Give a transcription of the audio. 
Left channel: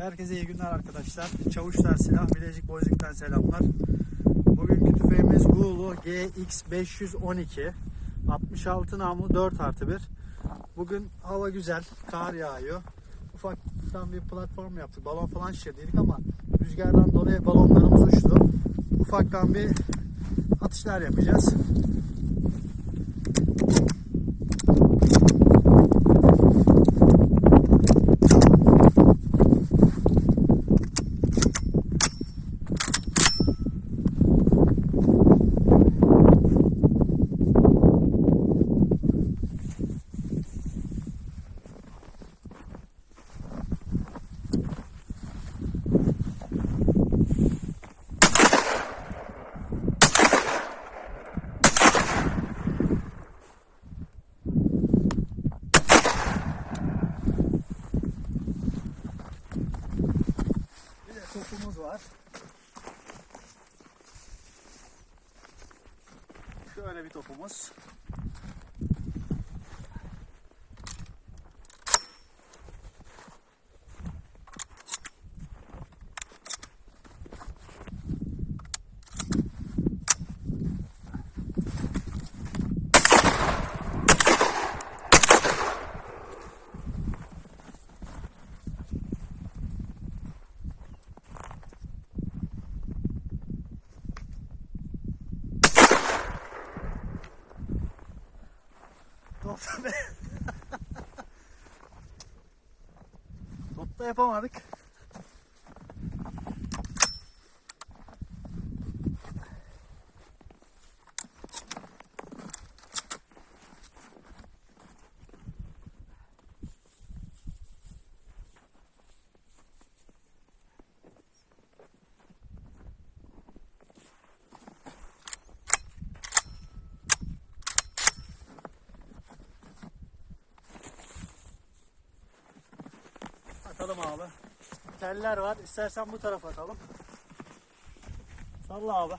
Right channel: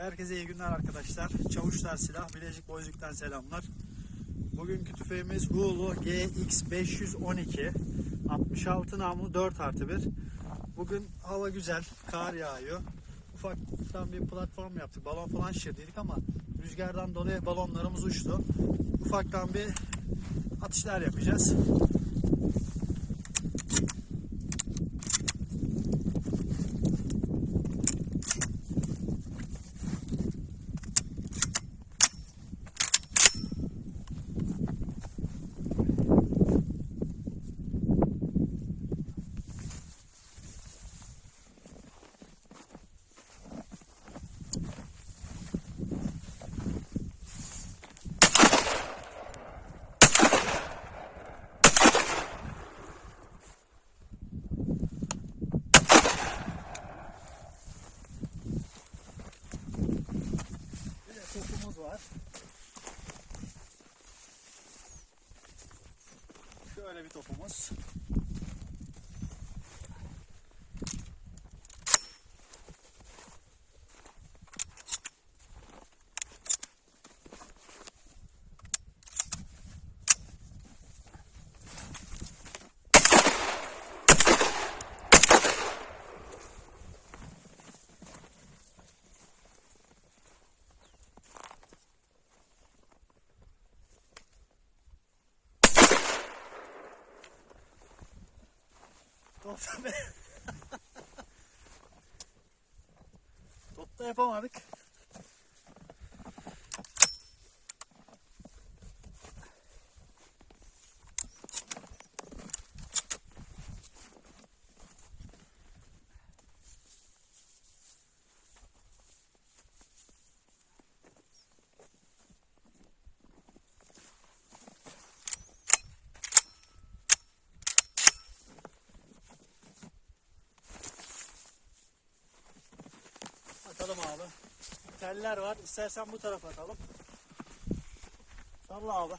Herkese iyi günler arkadaşlar. Çavuşlar Silah Bilecik Boyacık'tan selamlar. Bugünkü tüfeğimiz Gulu GX512 66 namlu 4 artı 1. Bugün hava güzel, kar yağıyor. Ufaktan bir platform yaptık. Balon falan şişirdiydik ama rüzgardan dolayı balonlarımız uçtu. Ufaktan bir atışlar yapacağız. Bir de topumuz var. Şöyle bir topumuz. Top be. Top da yapamadık. Atalım abi. Teller var. İstersen bu tarafa atalım. Salla abi.